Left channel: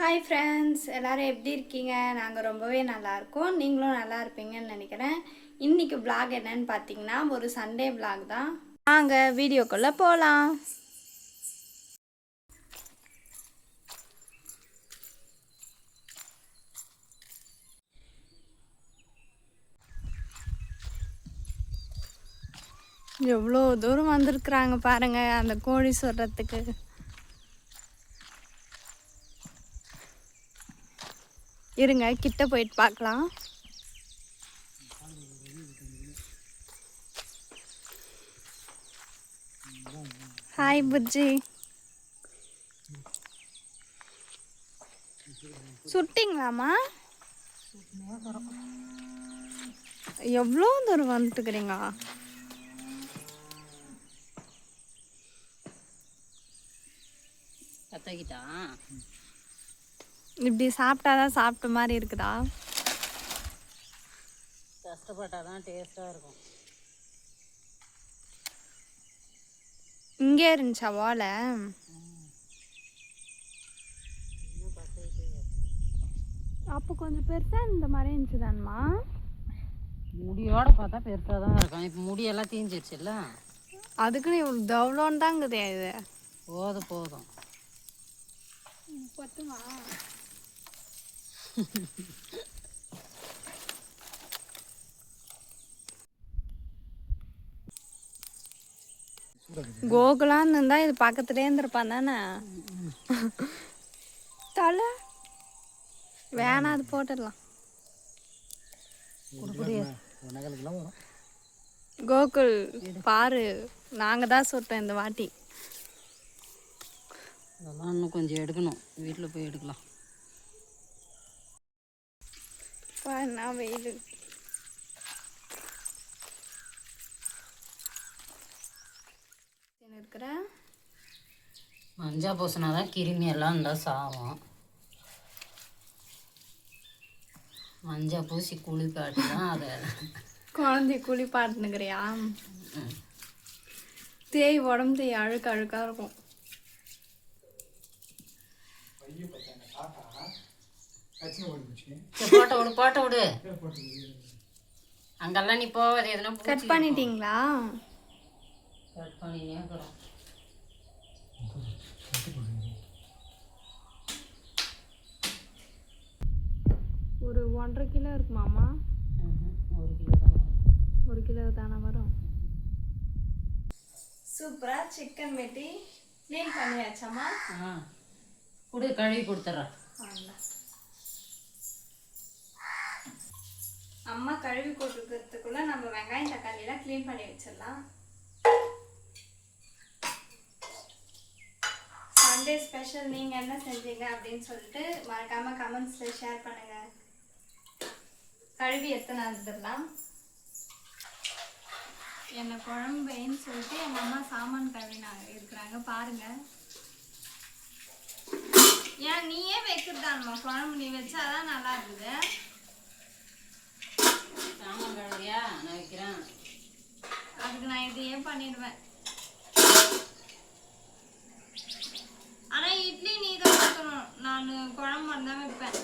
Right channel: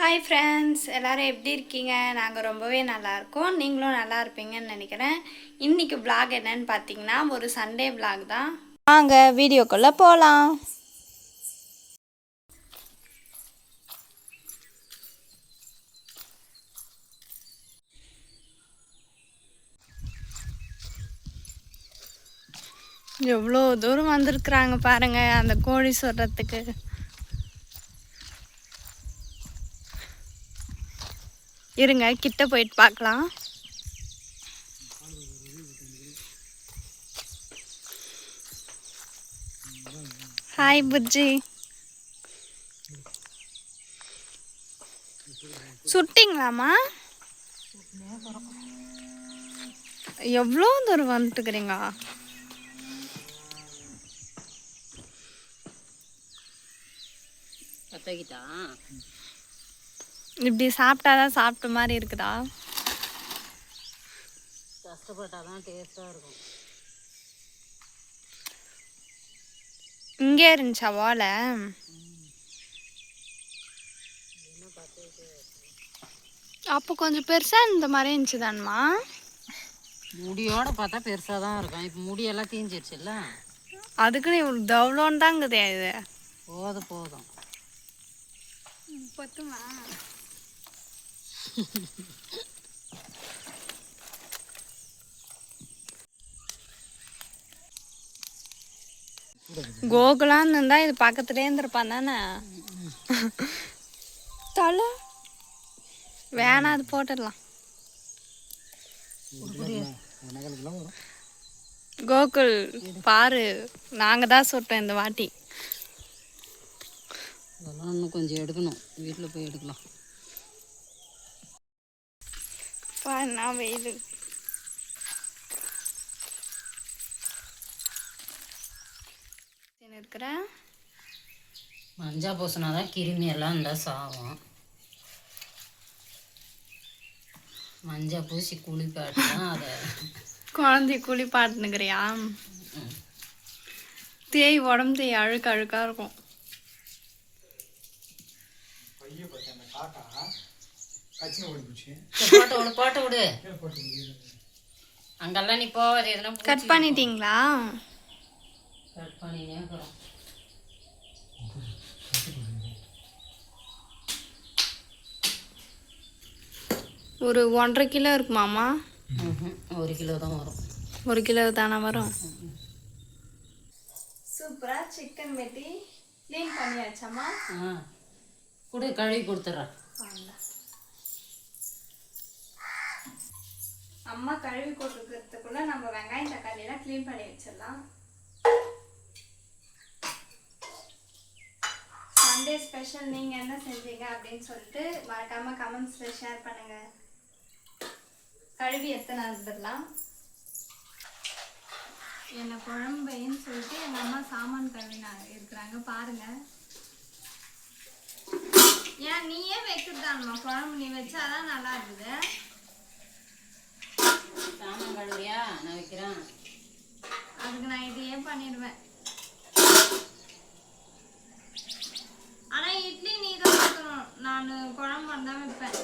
Hi friends, எல்லோரும் எப்படி இருக்கீங்க? நாங்கள் ரொம்பவே நல்லாயிருக்கோம். நீங்களும் நல்லா இருப்பீங்கன்னு நினைக்கிறேன். இன்றைக்கி vlog என்னன்னு பார்த்தீங்கன்னா ஒரு சண்டே vlog தான். வாங்க வீடியோக்குள்ளே போகலாம். எவ்வளோ தூரம் வந்திருக்குறாங்க பாருங்கள் அந்த கோழி சொல்கிறதுக்கு. இருங்க கிட்ட போயிட்டு பார்க்கலாம். ஹாய் புஜ்ஜி, சுட்டிங்களாம்மா? எவ்வளோ தூரம் வந்துட்டுக்கிறீங்க? இப்படி சாப்பிட்டாதான் சாப்பிட்ட மாதிரி இருக்குதா? கஷ்டப்பட்டாதான் டேஸ்ட்டாக இருக்கும். இங்கே இருந்துச்சா ஓலை? அப்போ கொஞ்சம் பெருசாக இந்த மாதிரி இருந்துச்சு தான்மா. முடியோட பார்த்தா பெருசாக தான் இருக்கும். இப்போ முடியெல்லாம் தீஞ்சிருச்சுல்ல, அதுக்குன்னு இவ்வளோ தவ்வளோன்னு தாங்குதே இது. போதும் பத்துமா? கோகுலான்னு இருந்தா இது பக்கத்துலேயே இருந்திருப்பான் தானே. தலை வேணாம், அது போட்டுடலாம். கோகுல் பாரு, நாங்கள் தான் சுட்டோம் இந்த வாட்டி. அதெல்லாம் இன்னும் கொஞ்சம் எடுக்கணும், வீட்டில் போய் எடுக்கலாம். என்ன வெயில். இருக்கிற மஞ்சள் பூசினா தான் கிருமி எல்லாம் இருந்தால் சாகும். மஞ்சள் பூசி குளிப்பாட்டு தான் அதை குழந்தை குளிப்பாட்டுனுக்கிறியா? தேய் உடம்பு தேய் அழுக்காக இருக்கும். போட்டு விடு. அங்கெல்லாம் நீ போவாது. எதுனா கட் பண்ணிட்டீங்களா? கட் பண்ணினே இருக்கிறோம். ஒரு 1.5 கிலோ இருக்குமாம்மா? 1 கிலோ தான் வரும். 1 கிலோ தானே வரும். சூப்பராக சிக்கன் வெட்டி க்ளீன் பண்ணியாச்சாம்மா? கழுவி கொடுத்துட்றேன். அம்மா கழுவி கொடுக்கறதுக்குள்ள நம்ம வெங்காயம் தக்காளியெல்லாம் க்ளீன் பண்ணி வச்சிடலாம். சண்டே ஸ்பெஷல் நீங்கள் என்ன செஞ்சீங்க அப்படின்னு சொல்லிட்டு மறக்காமல் கமெண்ட்ஸில் ஷேர் பண்ணுங்கள். கழுவி எத்தனை வந்துடலாம். என்ன குழம்பைன்னு சொல்லிட்டு எங்கள் அம்மா சாமான் கழுவினா இருக்கிறாங்க பாருங்கள். ஏன் நீயே வைக்கிறதான்மா குழம்பு? நீ வச்சாதான் நல்லா இருக்குது. சாமான் கழுவியா? நான் வைக்கிறேன். அதுக்கு நான் இதையே பண்ணிடுவேன். ஆனால் இட்லி நீ தான் வைக்கணும், நான் குழம்பு தான் வைப்பேன்.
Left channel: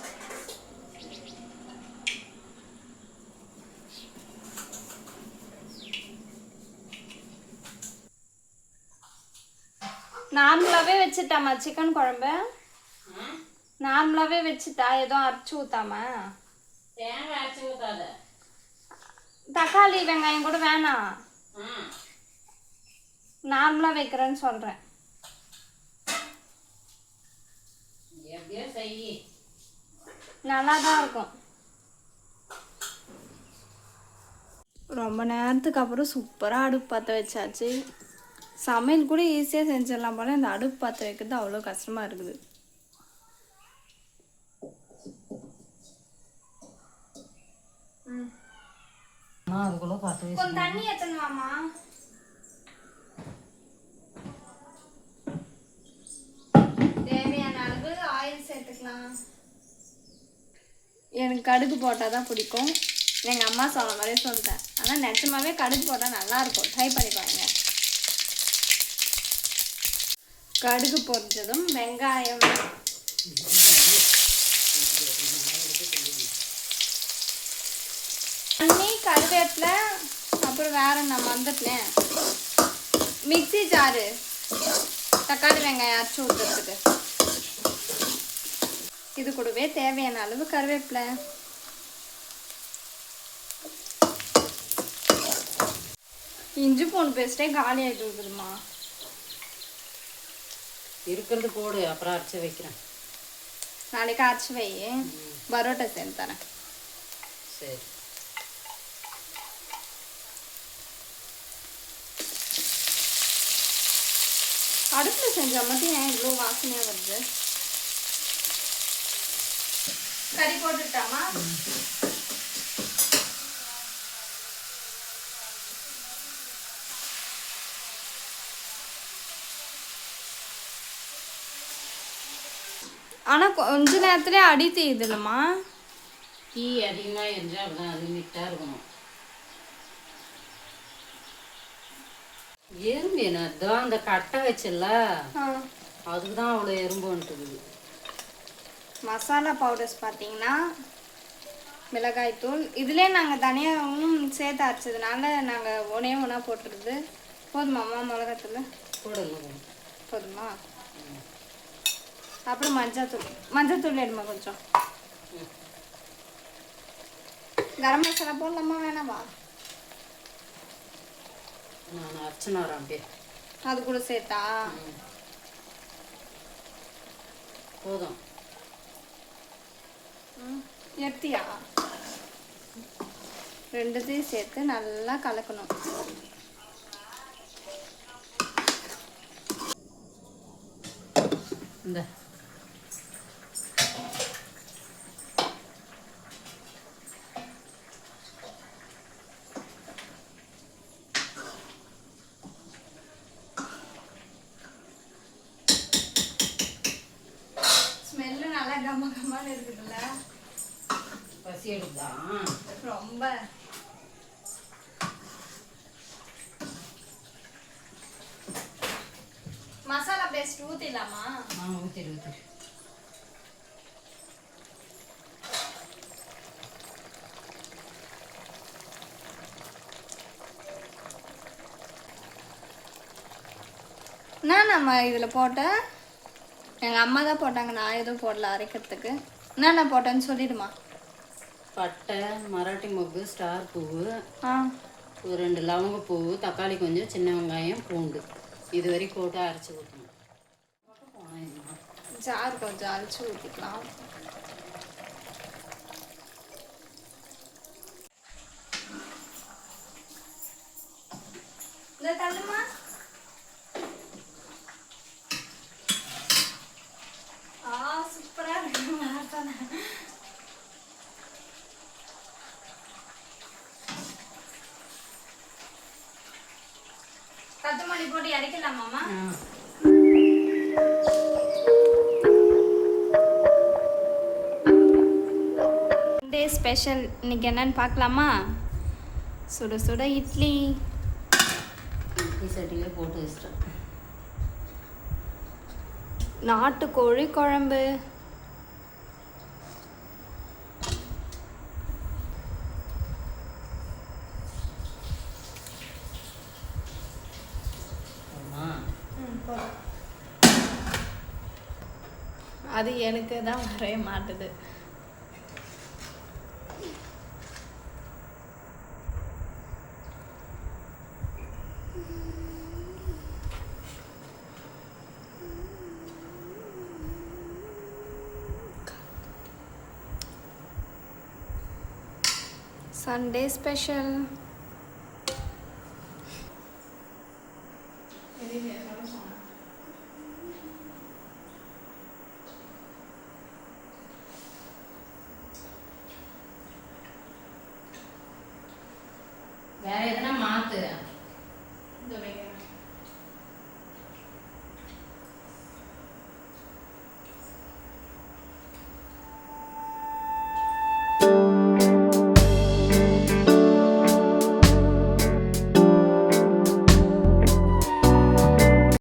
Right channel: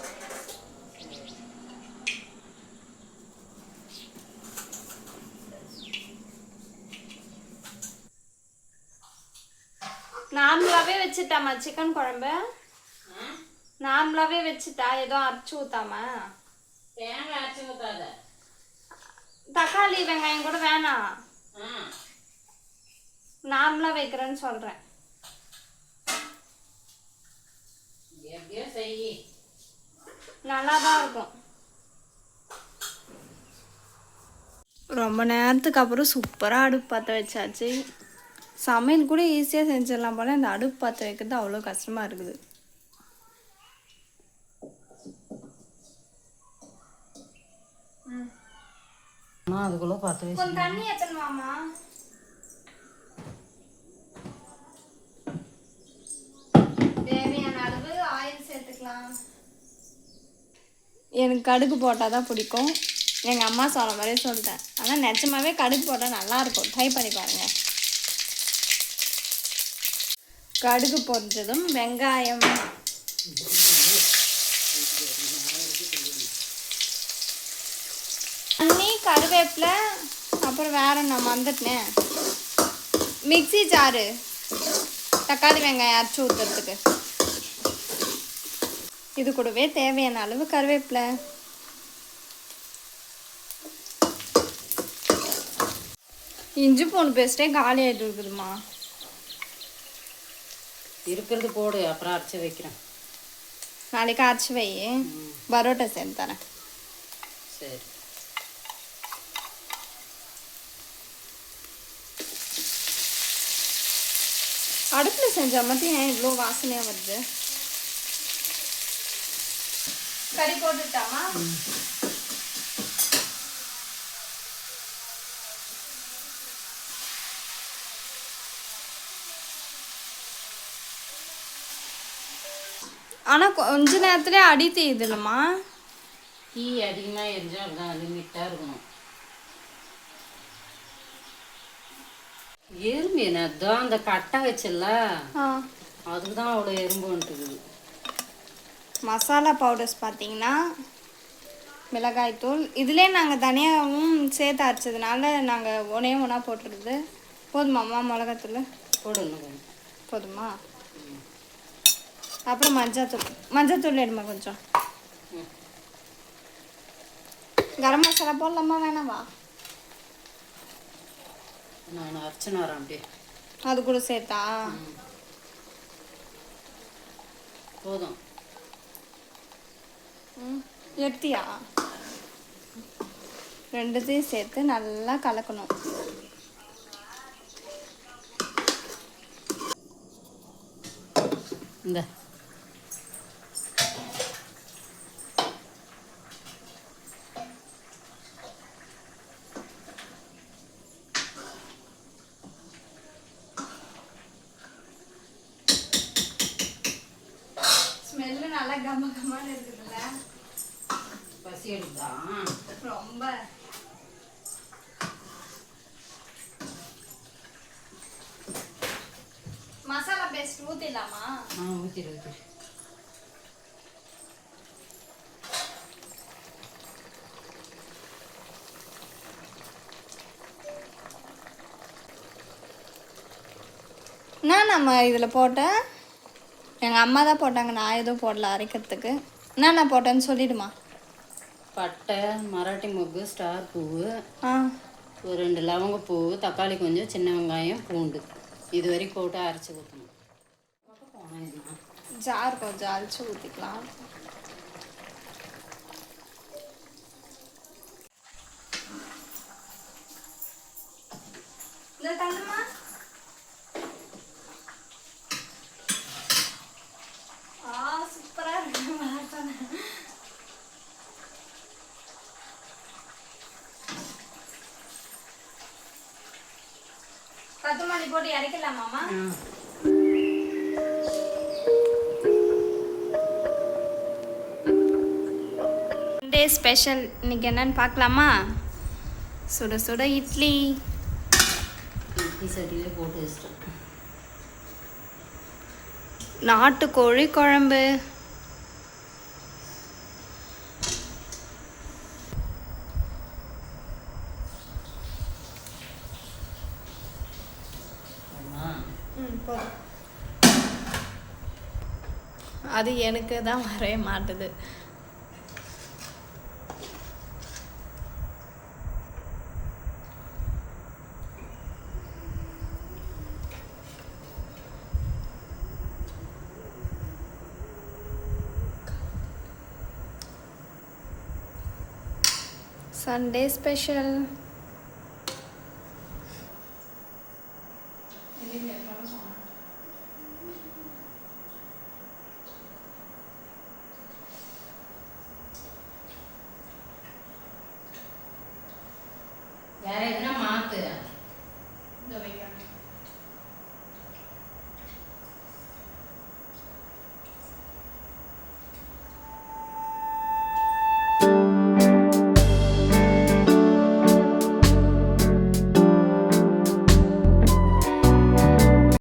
நார்மலாகவே வச்சுட்டாமா சிக்கன் குழம்பு? நார்மலாகவே வச்சுட்டா, ஏதோ அரைச்சி ஊற்றாம? தேங்காய் அரைச்சி ஊற்றாத. தக்காளி வெங்காயம் கூட வேணாம், நார்மலாக வைக்கிறேன்னு சொல்கிறேன். எப்படியோ செய், நல்லா தான் இருக்கும். ரொம்ப நேரத்துக்கு அப்புறம் சூப்பராக அடுப்பு பற்ற வச்சாச்சு. சமையல் கூட ஈஸியாக செஞ்சிடலாம் போல, இந்த அடுப்பு பற்ற வைக்கிறது அவ்வளோ கஷ்டமாக இருக்குது. அதுக்குள்ள கொஞ்சம் தண்ணி ஏற்றணுமாம்மா? தேவையான அளவு ஆயில் சேர்த்துக்கலாம். எனக்கு கடுகு போட்டால் தான் பிடிக்கும். எங்கள் அம்மா சொன்ன மாதிரியே சொல்லிட்டேன். ஆனால் நிஜமாவே கடுகு போட்டால் நல்லாயிருக்கும், ட்ரை பண்ணி பாருங்கள். கடுகு பொரிஞ்சதும் வெங்காயம் தண்ணி கருவேப்பிலை அப்புறம் வேற நான் வந்துட்டேன். மிக்ஸி ஜாரு தக்காளி வெங்காயம் அரைச்சி ஊற்றுறதுக்கு. இது கூடவே தேவையான அளவு கருவேப்பிலை. இஞ்சி பூண்டு பேஸ்ட்டே காலி ஆகிட்டு இருக்குதுமா. இருக்கிறது போடு, அப்புறம் அரைச்சி வைக்கிறேன். நாளைக்கு அரைச்சி வை, பரோட்டா செஞ்சு தரேன். சரி. அடுப்பில் செஞ்ச மட்டும் ஏன் இவ்வளோ வாசனையாக வருது? கறி போட்டுட்டாமா? ஆனால் கொஞ்ச நேரத்துலேயே அடி தீயுது இல்லைம்மா? தீ அதிகமாக எரிஞ்சால் அப்படிதான் லிமிட்டாக இருக்கணும். எறும்பு என்னதான் அந்த கட்டை வச்சல, அதுக்கு தான் அவ்வளோ எறும்பு வந்துட்டுது. மசாலா பவுடர்ஸ் பார்த்தீங்கன்னா மிளகாய்த்தூள் இதிலே நாங்கள் தனியாகவும் சேர்த்து அரைச்சதுனால நாங்கள் ஒன்றா போட்டுருது. போதுமாம்மா மிளகாத்தூள்? போடணும். போதுமா? அப்புறம் மஞ்சத்தூள் எடுமா கொஞ்சம். கரம் மசாலா போடலாமா வேணாவா? நான் அரைச்சின்னு வரேன் அப்படியே. அது கூட சேர்த்தா போதும். எத்தியா ரெண்டுத்தையும் சேர்த்து நல்லா கலக்கணும். இந்த ஸ்மெல்லு நல்லா கம கமான்னு இருக்குதுல்ல? பசி எடுக்குதா ரொம்ப? மசாலா பேஸ்ட் ஊற்றிடலாமா? ஊற்றிடு ஊற்றிடு. என்ன நம்ம இதில் போட்டேன்? எங்கள் அம்மா தான் போட்டாங்க, நான் எதுவும் போடல அரைக்கிறதுக்கு. என்னென்ன போட்டேன்னு சொல்லிடுமா? பட்டை, மராட்டி மொக்கு, ஸ்டார் பூவு, ஆ, ஒரு 2 லவங்கப்பூ, தக்காளி கொஞ்சம், சின்ன வெங்காயம், பூண்டு, இது வரைக்கும் போட்டு அரைச்சி ஊற்றணும். ஜார் கொஞ்சம் அரைச்சி ஊற்றிக்கலாம். இல்லை தள்ளுமா? சூப்பராக இருக்கு. கத்துமல்லி போட்டு இறக்கலாமாம்மா? சண்டே ஸ்பெஷல் இன்னைக்கு என்னன்னு பார்க்கலாமா? சுட சுட இட்லி. இட்லி சட்டியிலே போட்டு வச்சிட்டேன். நாட்டுக்கோழி குழம்பு. அது எனக்கு தான் வரவே மாட்டுது. Sunday special.